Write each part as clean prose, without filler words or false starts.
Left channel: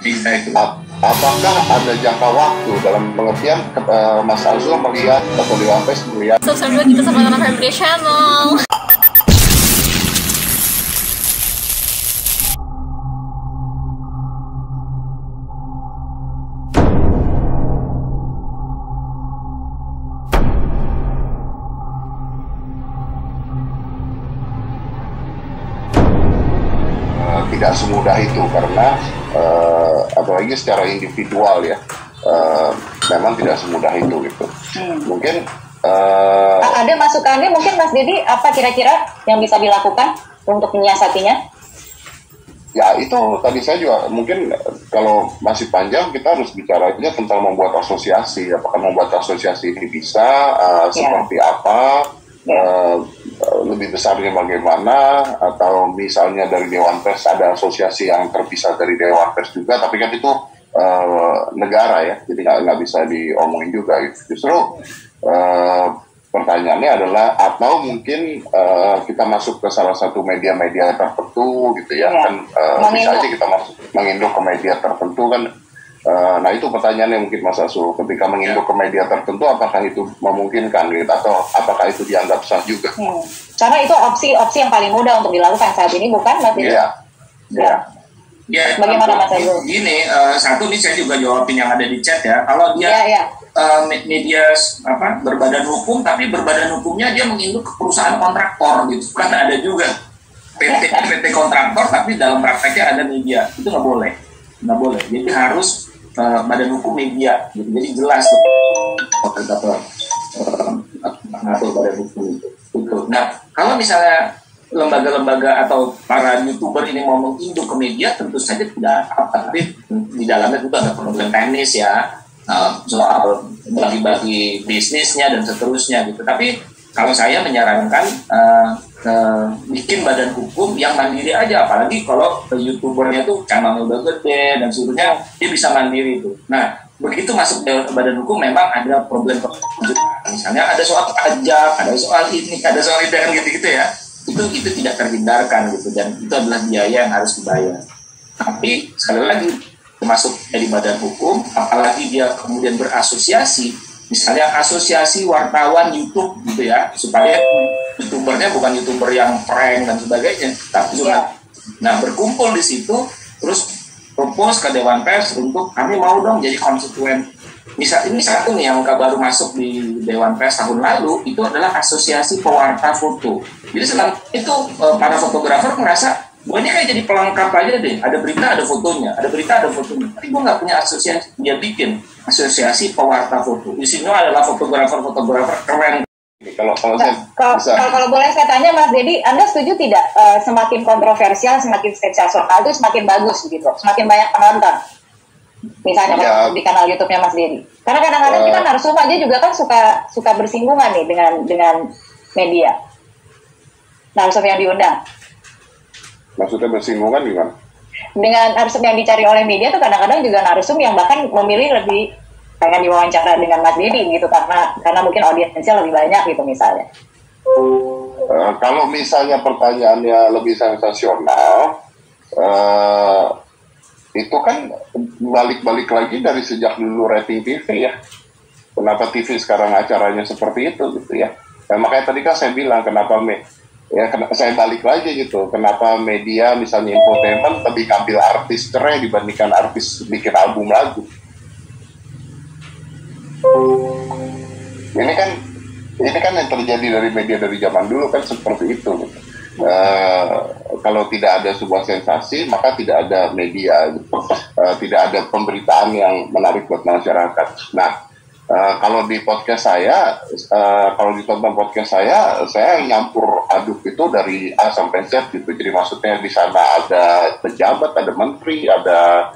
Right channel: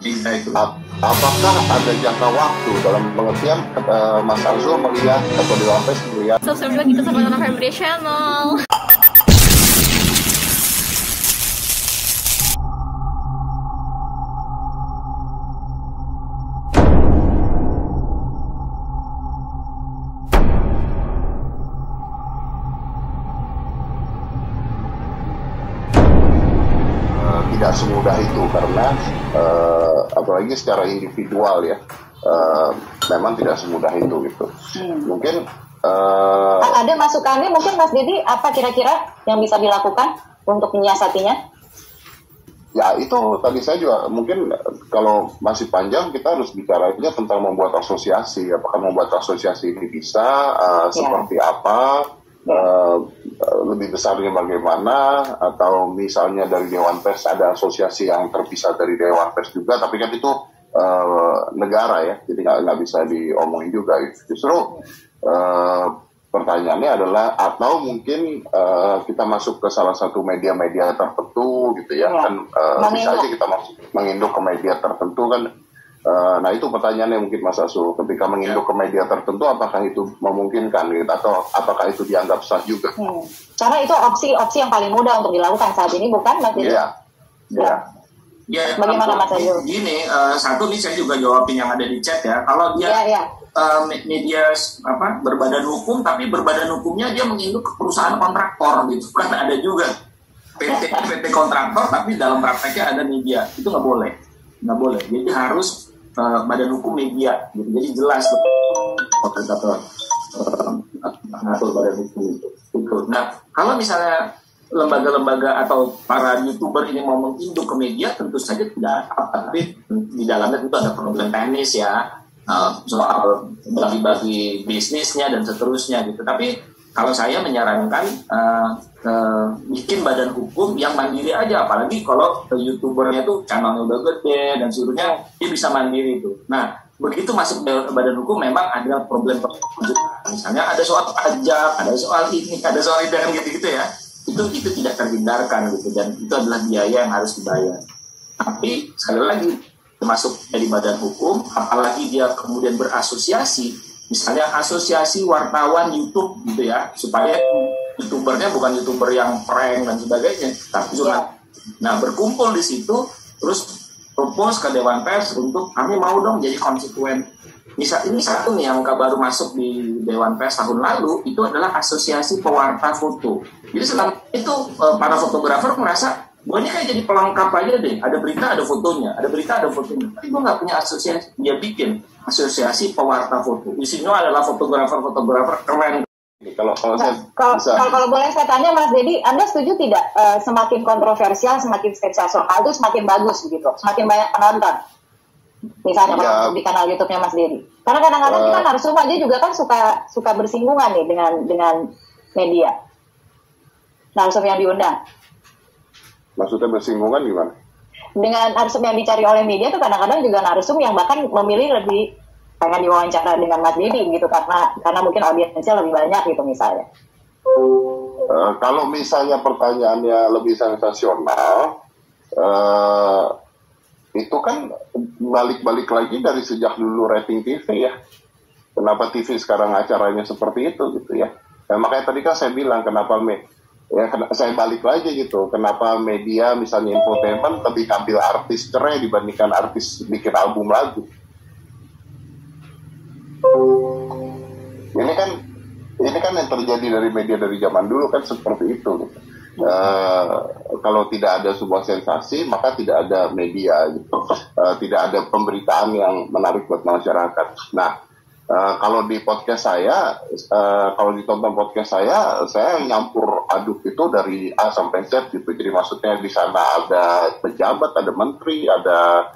Exactly. Apakah ada jangka waktu dalam pengertian Mas Azul melihat atau di Wampes melihat subscribe kita sama anak Family Channel. tidak semudah itu karena apalagi secara individual ya memang tidak semudah itu gitu. Mungkin ada masukannya mungkin Mas Dedi, apa kira-kira yang bisa dilakukan untuk menyiasatinya? Ya itu tadi saya juga mungkin kalau masih panjang kita harus bicara aja tentang membuat asosiasi. Apakah membuat asosiasi ini bisa seperti apa, lebih besarnya bagaimana, atau misalnya dari Dewan Pers ada asosiasi yang terpisah dari Dewan Pers juga, tapi kan itu negara ya, jadi nggak bisa diomongin juga gitu. Justru pertanyaannya adalah atau mungkin kita masuk ke salah satu media-media tertentu gitu ya, kan bisa aja kita masuk menginduk ke media tertentu kan. Nah itu pertanyaannya mungkin Mas Azul, ketika menginduk ke media tertentu apakah itu memungkinkan gitu, atau apakah itu dianggap sah juga? Karena itu opsi yang paling mudah untuk dilakukan saat ini, bukan Mas Dedi? Ya, bagaimana Mas Azul? Gini, satu nih saya juga jawabin yang ada di chat ya. Kalau dia media berbadan hukum, tapi berbadan hukumnya dia menginduk ke perusahaan kontraktor gitu, kan ada juga PT kontraktor, tapi dalam prakteknya ada media, itu nggak boleh. Jadi harus badan hukum media, gitu. Jadi jelas tuh mengatur badan hukum itu. Nah, kalau misalnya lembaga-lembaga atau para YouTuber ini mau menginduk ke media, tentu saja tidak apa, tapi di dalamnya juga ada problem teknis ya, soal bagi-bagi bisnisnya dan seterusnya gitu. Tapi kalau saya menyarankan bikin badan hukum yang mandiri aja, apalagi kalau YouTubernya tuh channelnya udah gede dan seterusnya, dia bisa mandiri itu. Nah, begitu masuk ke badan hukum memang ada problem, misalnya ada soal pajak, ada soal ini, ada soal itu kan gitu-gitu ya. Itu tidak terhindarkan gitu, dan itu adalah biaya yang harus dibayar. Tapi sekali lagi, termasuk dari badan hukum, apalagi dia kemudian berasosiasi, misalnya asosiasi wartawan YouTube gitu ya, supaya YouTubernya bukan YouTuber yang prank dan sebagainya, tapi juga berkumpul di situ, terus propose ke Dewan Pers untuk kami mau dong jadi konstituen. Ini satu nih yang baru masuk di Dewan Pers tahun lalu, itu adalah asosiasi pewarta foto. Jadi setelah itu para fotografer merasa, ini kayak jadi pelengkap aja deh, ada berita ada fotonya, ada berita ada fotonya. Tapi gue nggak punya asosiasi, dia bikin asosiasi pewarta foto. Isinya adalah fotografer keren. Kalau boleh saya tanya Mas Dedi, Anda setuju tidak semakin kontroversial, semakin sensasional itu semakin bagus begitu, semakin banyak penonton? Misalnya kalau di kanal YouTube-nya Mas Dedi. Karena kadang-kadang kita narsum aja juga kan suka bersinggungan nih dengan media. Narsum yang diundang. Maksudnya bersinggungan gimana? Dengan narsum yang dicari oleh media tuh kadang-kadang juga narsum yang bahkan memilih lebih pengen diwawancara dengan Mas Dedi gitu, karena mungkin audiensnya lebih banyak gitu misalnya. Kalau misalnya pertanyaannya lebih sensasional, itu kan balik-balik lagi dari sejak dulu rating TV ya. Kenapa TV sekarang acaranya seperti itu gitu ya. Nah, makanya tadi kan saya bilang saya balik lagi gitu. Kenapa media misalnya infotainment lebih ambil artis cerai dibandingkan artis bikin album lagu. Ini kan yang terjadi dari media dari zaman dulu kan seperti itu. Kalau tidak ada sebuah sensasi maka tidak ada media, tidak ada pemberitaan yang menarik buat masyarakat. Nah, kalau di podcast saya, kalau ditonton podcast saya nyampur aduk itu dari A sampai Z gitu. Jadi maksudnya di sana ada pejabat, ada menteri, ada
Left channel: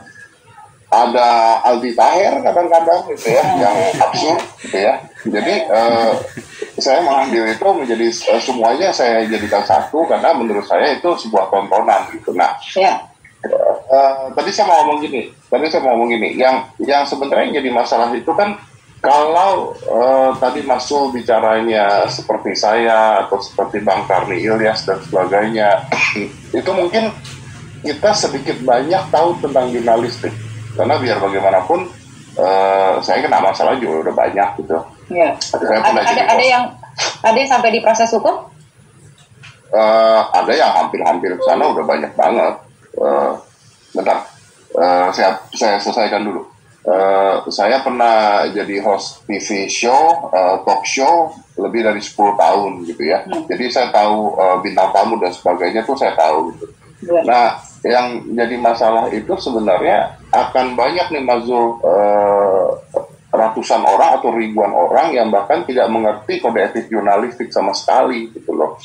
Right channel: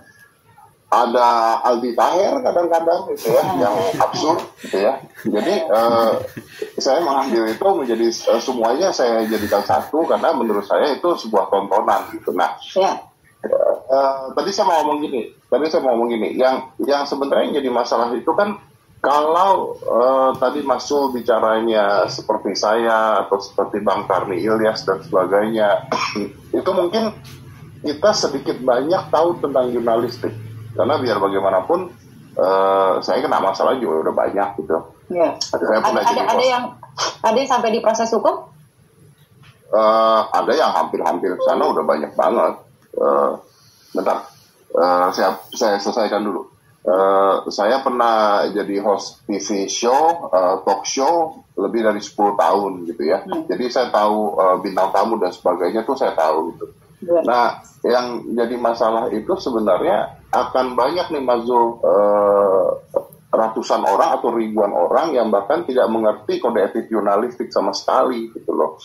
Aldi Taher kadang-kadang gitu ya, yang absurd gitu ya. Jadi saya mengambil itu menjadi semuanya saya jadikan satu karena menurut saya itu sebuah tontonan gitu. Nah, tadi saya mau ngomong gini, yang sebenarnya jadi masalah itu kan kalau tadi masuk bicaranya seperti saya atau seperti Bang Karni Ilyas dan sebagainya, itu mungkin kita sedikit banyak tahu tentang jurnalistik. Karena biar bagaimanapun saya kena masalah juga udah banyak gitu. Ya. Ada yang sampai diproses hukum? Ada yang hampir-hampir ke sana udah banyak banget. Bentar, saya selesaikan dulu. Saya pernah jadi host TV show, talk show lebih dari 10 tahun gitu ya. Jadi saya tahu bintang tamu dan sebagainya tuh saya tahu gitu. Nah, yang jadi masalah itu sebenarnya akan banyak nih Mas Zul, ratusan orang atau ribuan orang yang bahkan tidak mengerti kode etik jurnalistik sama sekali gitu loh.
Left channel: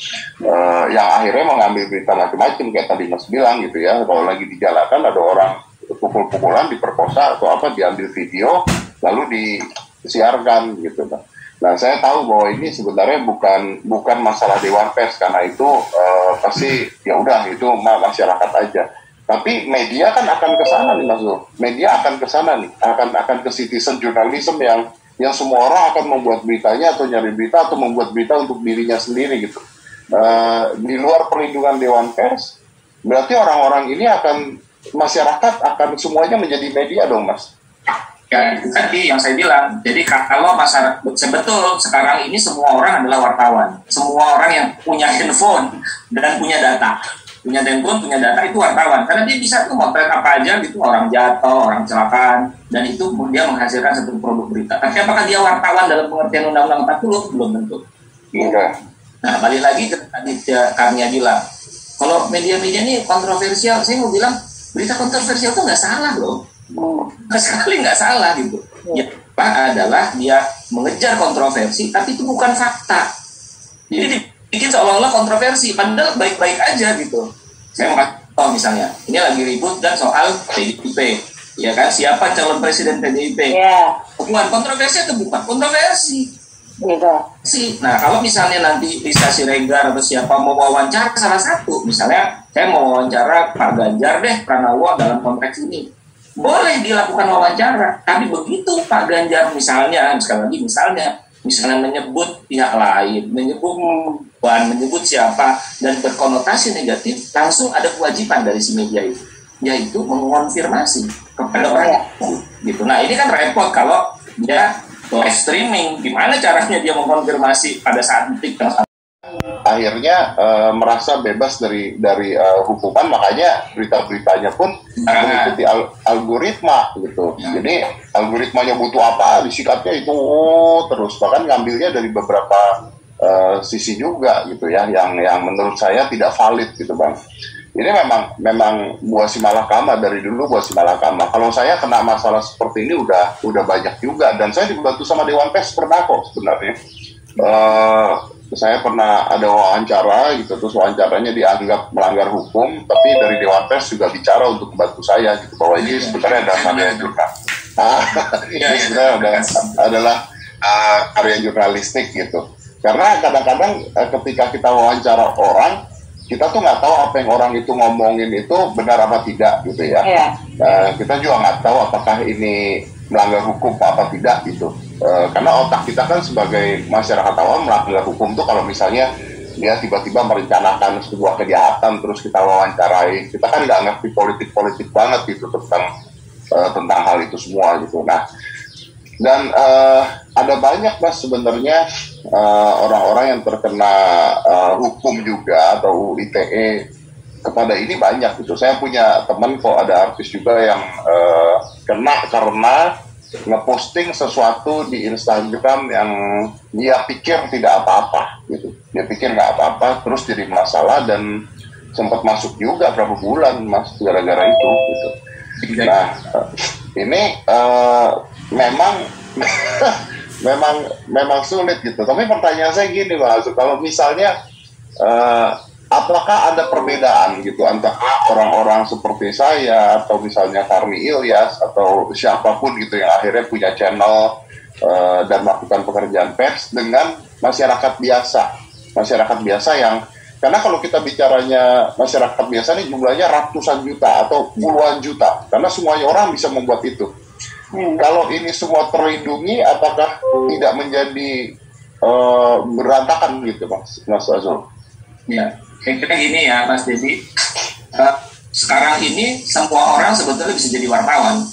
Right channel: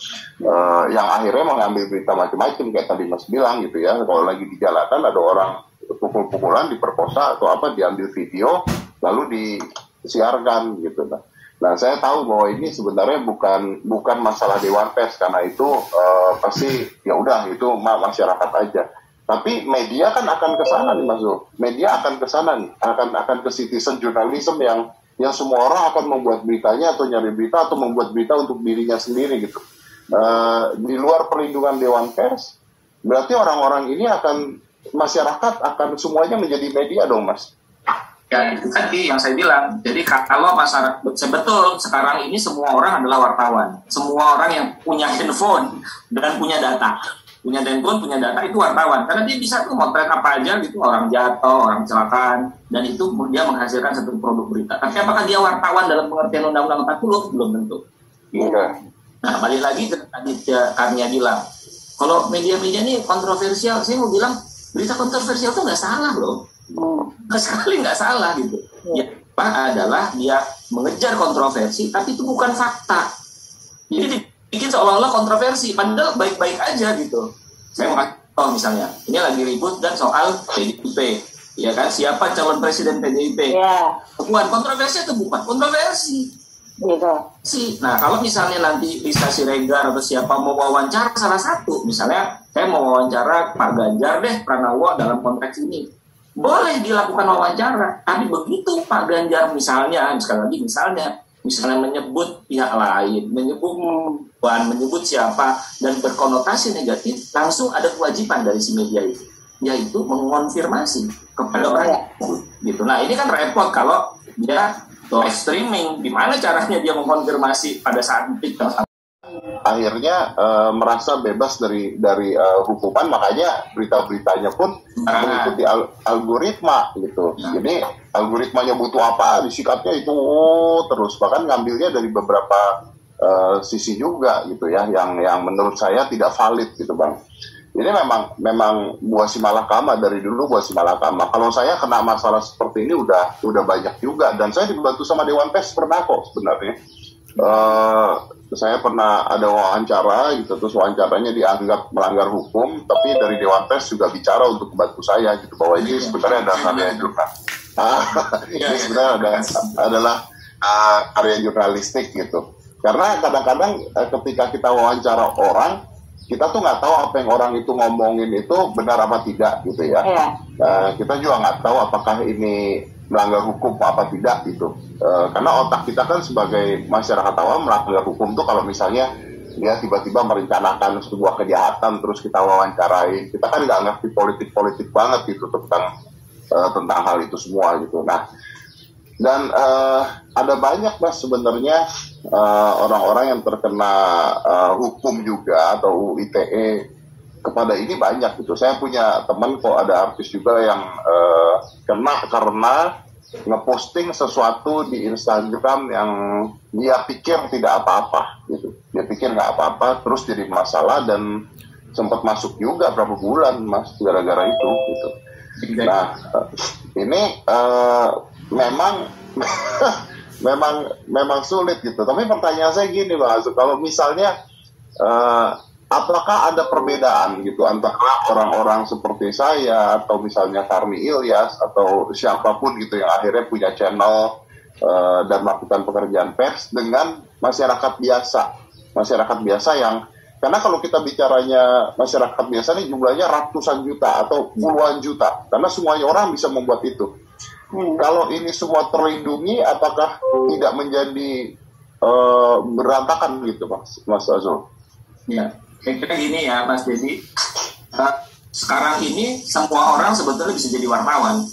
Yang akhirnya mengambil berita macam-macam kayak tadi Mas bilang gitu ya. Kalau lagi dijalankan ada orang pukul-pukulan, diperkosa atau apa, diambil video lalu disiarkan gitu. Nah, saya tahu bahwa ini sebenarnya bukan masalah Dewan Pers, karena itu pasti ya udah itu masyarakat aja. Tapi media kan akan ke sana nih Mas Zul. Media akan ke sana nih, akan ke citizen journalism yang semua orang akan membuat beritanya atau nyari berita atau membuat berita untuk dirinya sendiri gitu. Di luar perlindungan Dewan Pers, berarti orang-orang ini masyarakat akan semuanya menjadi media dong Mas. Ya, itu tadi yang saya bilang. Jadi kalau masyarakat, betul sekarang ini semua orang adalah wartawan. Semua orang yang punya handphone dan punya data. Punya handphone, punya data itu wartawan. Karena dia bisa tuh motret apa aja gitu, orang jatuh, orang kecelakaan, dan itu dia menghasilkan satu produk berita. Tapi apakah dia wartawan dalam pengertian Undang-Undang 40? Belum tentu. Iya. Nah, balik lagi ke tadi Karnia bilang, kalau media-media ini kontroversial, saya mau bilang berita kontroversial itu nggak salah loh. Sekali nggak salah gitu. Ya, apa adalah dia mengejar kontroversi, tapi itu bukan fakta. Jadi dibikin seolah-olah kontroversi, padahal baik-baik aja gitu. Saya mau misalnya, ini lagi ribut dan soal PDIP, ya kan? Siapa calon presiden PDIP? Yeah. Bukan kontroversi atau bukan kontroversi? Gitu. Nah, kalau misalnya nanti bisa Siregar atau siapa mau wawancara salah satu, misalnya saya mau wawancara Pak Ganjar deh Pranowo dalam konteks ini, boleh dilakukan wawancara. Tapi begitu Pak Ganjar misalnya, sekali lagi misalnya menyebut pihak lain, menyebut siapa dan berkonotasi negatif, langsung ada kewajiban dari si media itu, yaitu mengonfirmasi kepada orang gitu. Nah, ini kan repot kalau dia live streaming, gimana caranya dia mengkonfirmasi pada saat detik. Akhirnya merasa bebas dari hukuman, makanya berita-beritanya pun mengikuti algoritma gitu. Jadi algoritmanya butuh apa, disikatnya itu terus, bahkan ngambilnya dari beberapa sisi juga gitu ya, yang menurut saya tidak valid gitu Bang. Ini memang buah si malakama, dari dulu buah si malakama. Kalau saya kena masalah seperti ini udah banyak juga, dan saya dibantu sama Dewan Pers pernah kok sebenarnya. Saya pernah ada wawancara gitu, terus wawancaranya dianggap melanggar hukum, tapi dari Dewan Pers juga bicara untuk membantu saya gitu, bahwa ini sebenarnya adalah karya jurnalistik. Sebenarnya adalah karya jurnalistik gitu. Karena kadang-kadang ketika kita wawancara orang, kita tuh nggak tahu apa yang orang itu ngomongin itu benar apa tidak gitu ya. Kita juga nggak tahu apakah ini melanggar hukum apa tidak gitu. Karena otak kita kan sebagai masyarakat awam, melanggar hukum tuh kalau misalnya dia tiba-tiba merencanakan sebuah kejahatan terus kita wawancarai, kita kan nggak ngerti politik banget gitu tentang hal itu semua gitu. Nah, dan ada banyak Mas sebenarnya orang-orang yang terkena hukum juga atau ITE kepada ini banyak gitu. Saya punya teman kok, ada artis juga yang kena karena ngeposting sesuatu di Instagram yang dia pikir tidak apa-apa gitu. Dia pikir nggak apa-apa, terus jadi masalah dan sempat masuk juga berapa bulan Mas gara-gara itu gitu. Nah, ini memang sulit gitu. Tapi pertanyaan saya gini Mas, kalau misalnya apakah ada perbedaan gitu antara orang-orang seperti saya atau misalnya Karni Ilyas atau siapapun gitu yang akhirnya punya channel dan melakukan pekerjaan pers dengan masyarakat biasa yang, karena kalau kita bicaranya masyarakat biasa ini jumlahnya ratusan juta atau puluhan juta, karena semuanya orang bisa membuat itu. Kalau ini semua terlindungi, apakah tidak menjadi berantakan gitu Mas Azul? Ya, kira-kira gini ya Mas Dedi, sekarang ini semua orang sebetulnya bisa jadi wartawan.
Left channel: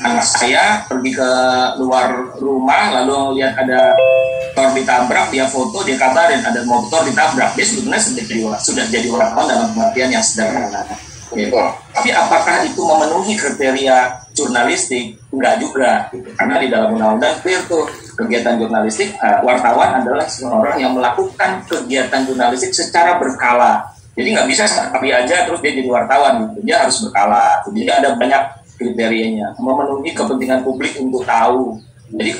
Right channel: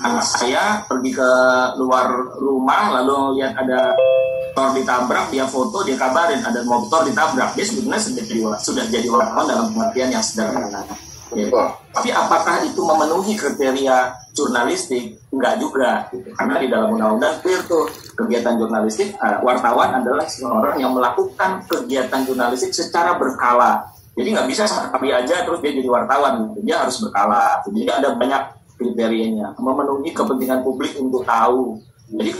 anak saya pergi ke luar rumah lalu lihat ada motor ditabrak, dia foto, dia kabarin ada motor ditabrak, dia sebenarnya sudah jadi wartawan dalam pengertian yang sederhana. Gitu. Tapi apakah itu memenuhi kriteria jurnalistik? Enggak juga, karena di dalam undang-undang clear tuh kegiatan jurnalistik, wartawan adalah seorang yang melakukan kegiatan jurnalistik secara berkala. Jadi nggak bisa sekali aja terus dia jadi wartawan, gitu. Dia harus berkala. Jadi ada banyak kriterianya, memenuhi kepentingan publik untuk tahu. Jadi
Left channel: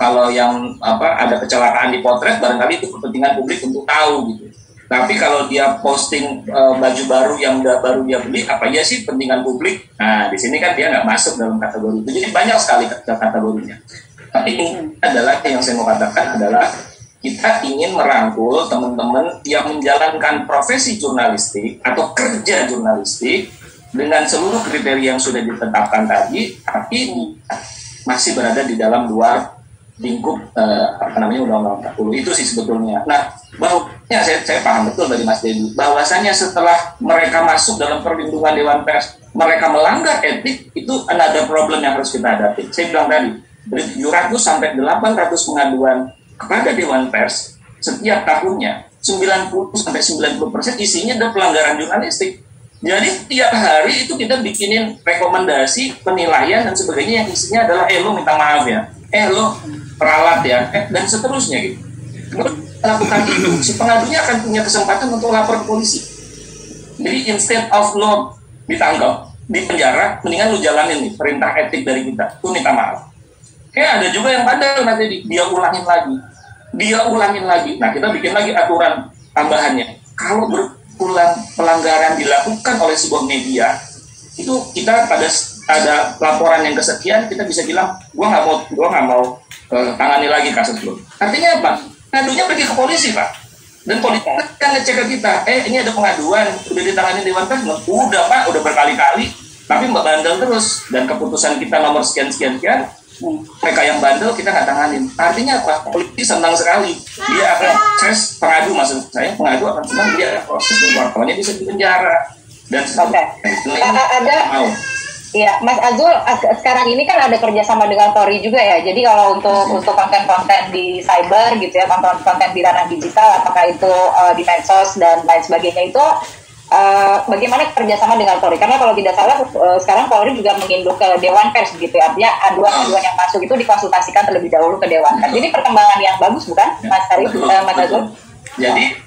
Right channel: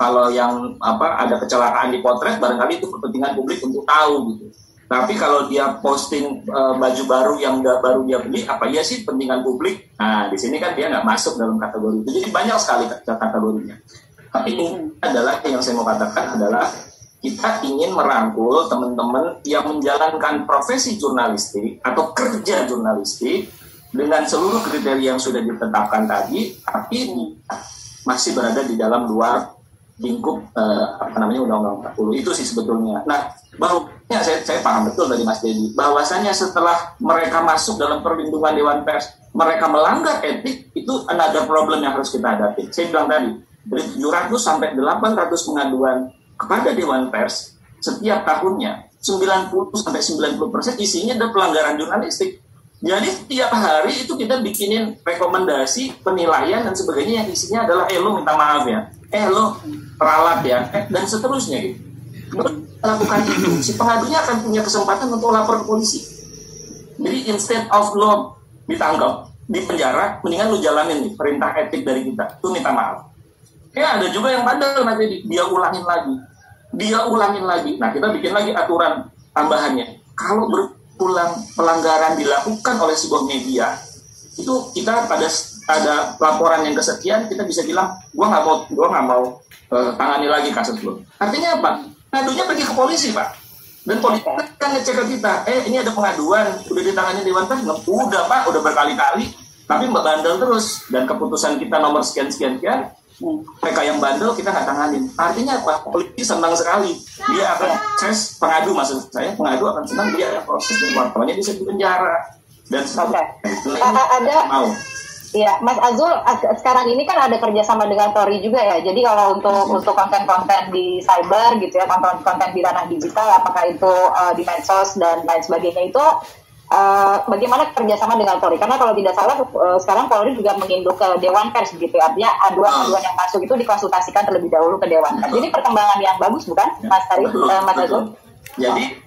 kalau yang ada kecelakaan di potret, barangkali itu kepentingan publik untuk tahu gitu. Tapi kalau dia posting baju baru yang baru dia beli, apa iya sih kepentingan publik? Nah, di sini kan dia nggak masuk dalam kategori itu. Jadi banyak sekali kategorinya. Tapi ini adalah yang saya mau katakan adalah kita ingin merangkul teman-teman yang menjalankan profesi jurnalistik atau kerja jurnalistik dengan seluruh kriteria yang sudah ditetapkan tadi, tapi masih berada di dalam luar lingkup Undang-Undang 40 itu sih sebetulnya. Nah, bahwanya saya paham betul dari Mas Dedi bahwasanya setelah mereka masuk dalam perlindungan Dewan Pers, mereka melanggar etik, itu another problem yang harus kita hadapi. Saya bilang tadi, dari 700 sampai 800 pengaduan kepada Dewan Pers setiap tahunnya, 90 sampai 90% isinya adalah pelanggaran jurnalistik. Jadi tiap hari itu kita bikinin rekomendasi, penilaian dan sebagainya yang isinya adalah lo minta maaf ya, lo peralat ya, dan seterusnya gitu. Lakukan itu, si pengadunya akan punya kesempatan untuk lapor polisi. Jadi instead of lo ditangkap, di penjara, mendingan lo jalanin nih perintah etik dari kita, lo minta maaf. Ada juga yang bandel nanti dia ulangin lagi. Nah, kita bikin lagi aturan tambahannya. Kalau berulang pelanggaran dilakukan oleh sebuah media, itu kita pada ada laporan yang kesekian, kita bisa bilang, gua nggak mau tangani lagi kasus lo. Artinya apa? Pengadunya pergi ke polisi, Pak. Dan polisi kan ngecek ke kita, ini ada pengaduan, udah ditangani Dewan Pers? Udah, Pak, udah berkali-kali, tapi mbak bandel terus. Dan keputusan kita nomor sekian-sekian, mereka yang bandel kita nggak tanganin. Artinya apa? Polisi senang sekali. Dia akan proses pengadu, maksud saya, pengadu akan senang, dia proses wartawannya bisa dipenjara. Dan ada. Iya, Mas Azul, sekarang ini kan ada kerjasama dengan Tori juga ya. Jadi kalau untuk konten-konten di cyber gitu ya, konten di ranah digital, apakah itu di medsos dan lain sebagainya itu, bagaimana kerjasama dengan Tori? Karena kalau tidak salah sekarang Polri juga menginduk ke Dewan Pers begitu ya. Artinya aduan-aduan yang masuk itu dikonsultasikan terlebih dahulu ke Dewan Pers. Ini perkembangan yang bagus bukan, Mas Azul? Jadi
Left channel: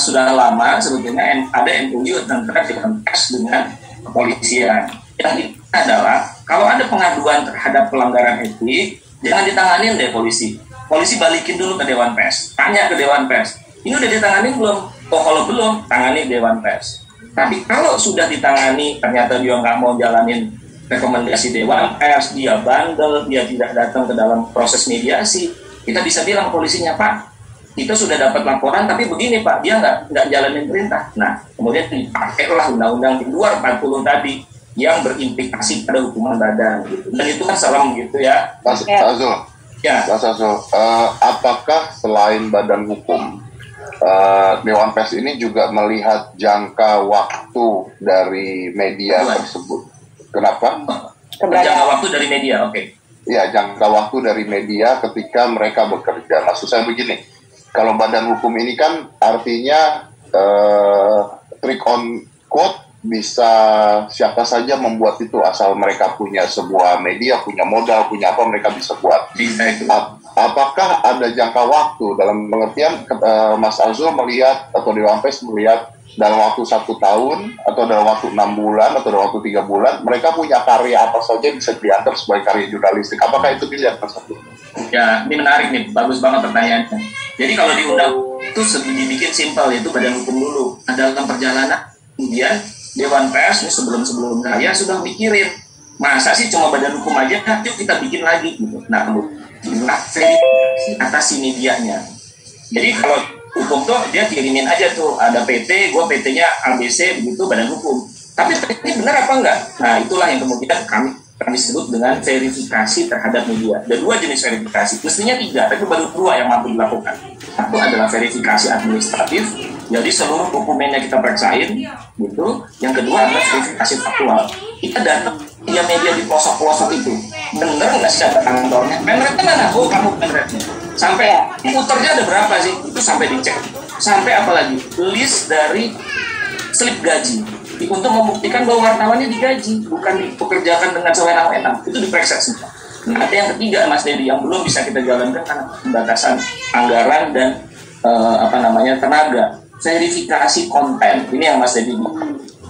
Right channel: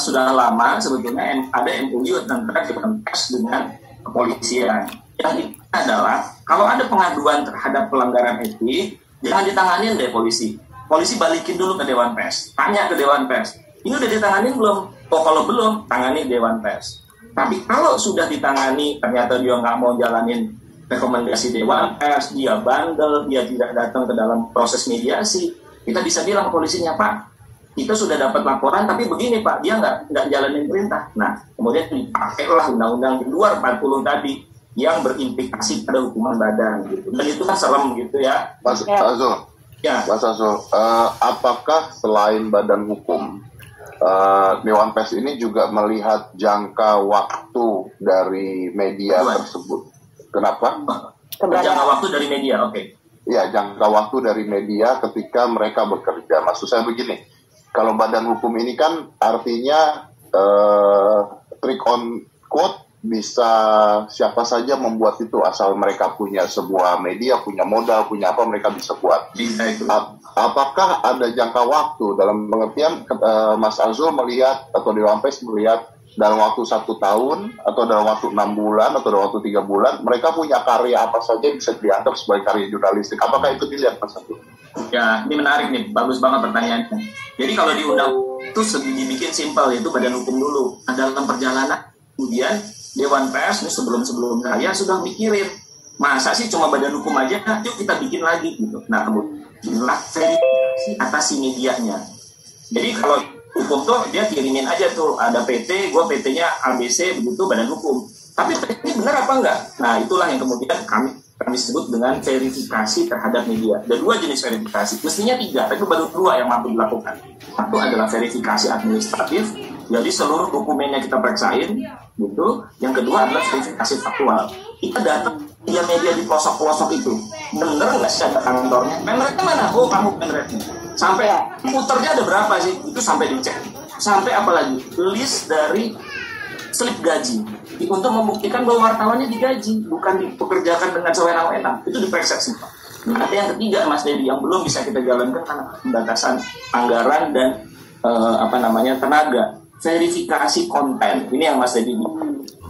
sudah lama sebetulnya ada MOU antara Dewan Pers dengan kepolisian. Yang itu adalah kalau ada pengaduan terhadap pelanggaran etik, jangan ditanganin deh polisi. Polisi balikin dulu ke Dewan Pers, tanya ke Dewan Pers, ini udah ditanganin belum? Kalau belum, tangani Dewan Pers. Tapi kalau sudah ditangani, ternyata dia nggak mau jalanin rekomendasi Dewan Pers, dia bandel, dia tidak datang ke dalam proses mediasi, kita bisa bilang polisinya, Pak, kita sudah dapat laporan, tapi begini Pak, dia nggak jalanin perintah. Nah, kemudian dipakailah undang-undang di luar 40 tadi, yang berimplikasi pada hukuman badan gitu. Dan itu kan serem gitu ya. Mas Azul, ya. Mas Azul, apakah selain badan hukum, Dewan Pers ini juga melihat jangka waktu dari media tersebut? Kenapa? Jangka waktu dari media, oke. Ya, jangka waktu dari media ketika mereka bekerja. Maksud saya begini, kalau badan hukum ini kan artinya trick on quote, bisa siapa saja membuat itu asal mereka punya sebuah media, punya modal, punya apa mereka bisa buat. Apakah ada jangka waktu dalam pengertian Mas Azul melihat atau Dewan Pers melihat dalam waktu 1 tahun atau dalam waktu 6 bulan atau dalam waktu 3 bulan mereka punya karya apa saja bisa dianggap sebagai karya jurnalistik? Apakah itu bisa Mas Azul? Ya, ini menarik nih, bagus banget pertanyaannya. Jadi kalau di undang itu dibikin simpel, yaitu badan hukum dulu. Dalam perjalanan kemudian Dewan Pers sebelum saya sudah mikirin, masa sih cuma badan hukum aja, yuk kita bikin lagi gitu. Nah, kemudian verifikasi atas si medianya. Jadi kalau hukum tuh dia kirimin aja tuh, ada PT, gue PT-nya ABC begitu badan hukum. Tapi ini benar apa enggak? Nah, itulah yang kemudian kami sebut dengan verifikasi terhadap media. Ada 2 jenis verifikasi, mestinya 3, tapi baru 2 yang mampu dilakukan. Satu adalah verifikasi administratif, jadi seluruh dokumennya kita periksain, gitu. Yang kedua adalah verifikasi faktual. Kita datang media di pelosok-pelosok itu, bener nggak sih data kantornya, penrate mana, oh kamu penrate, sampai puternya ada berapa sih, itu sampai dicek, sampai apalagi list dari slip gaji untuk membuktikan bahwa wartawannya digaji, bukan dipekerjakan dengan sewenang-wenang, itu diperiksa semua. Nah, ada yang ketiga Mas Dedi yang belum bisa kita jalankan karena pembatasan anggaran dan tenaga, verifikasi konten. Ini yang Mas Dedi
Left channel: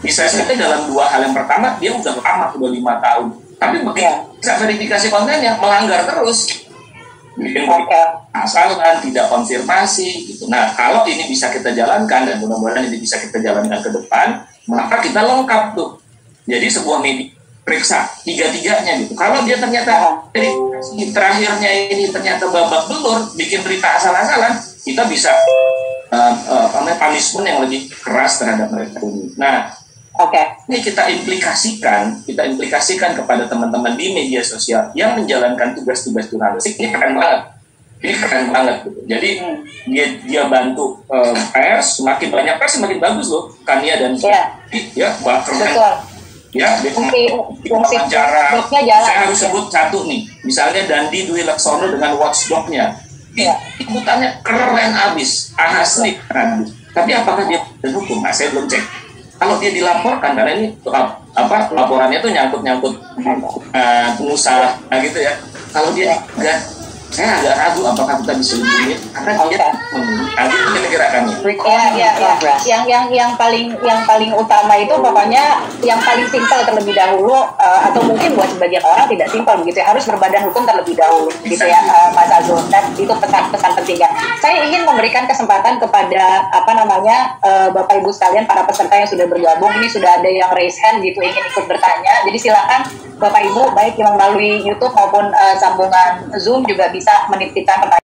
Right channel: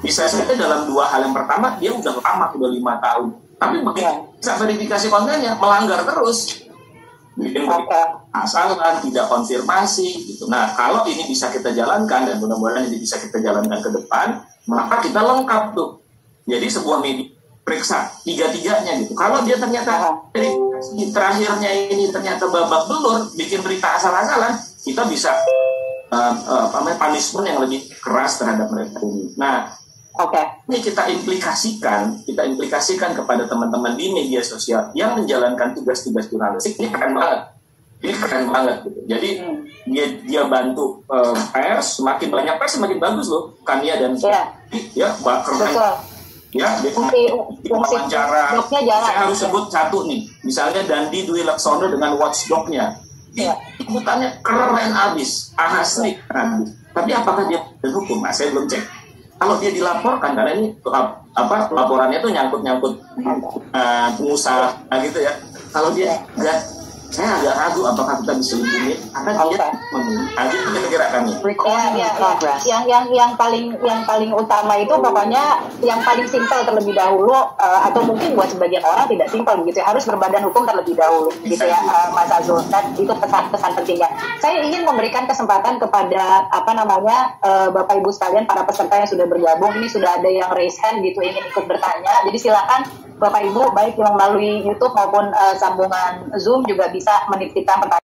bisa saja dalam 2 hal yang pertama dia udah lama, udah 5 tahun, tapi begitu bisa verifikasi kontennya melanggar terus, asalan tidak konfirmasi gitu. Nah, kalau ini bisa kita jalankan dan mudah-mudahan ini bisa kita jalankan ke depan, maka kita lengkap tuh. Jadi sebuah media periksa 3-3-nya gitu. Kalau dia ternyata verifikasi terakhirnya ini ternyata babak belur, bikin berita asal-asalan, kita bisa punishment yang lebih keras terhadap mereka ini. Nah, ini kita implikasikan kepada teman-teman di media sosial yang menjalankan tugas-tugas jurnalistik. Ini keren banget gitu. Jadi dia bantu pers, semakin banyak pers semakin bagus loh, Kania dan fungsi wawancara. Saya harus sebut satu nih, misalnya Dandi Dwi Laksono dengan Watchdog-nya, ikutannya keren abis, asli keren. Tapi apakah dia berhukum? Nah, saya belum cek. Kalau dia dilaporkan, karena ini laporannya tuh nyangkut musalah gitu ya. Kalau dia enggak, saya agak ragu apakah kita bisa memilih, karena dia itu kira-kira kan. Yang paling utama itu pokoknya yang paling simpel terlebih dahulu, atau mungkin buat sebagian orang tidak simpel begitu ya, harus berbadan hukum terlebih dahulu gitu ya, Mas Azul. Dan itu pesan ketiga. Saya ingin memberikan kesempatan kepada Bapak Ibu sekalian, para peserta yang sudah bergabung. Ini sudah ada yang raise hand gitu, ingin ikut bertanya. Jadi silakan Bapak Ibu, baik yang melalui YouTube maupun sambungan Zoom juga bisa menitipkan pertanyaan.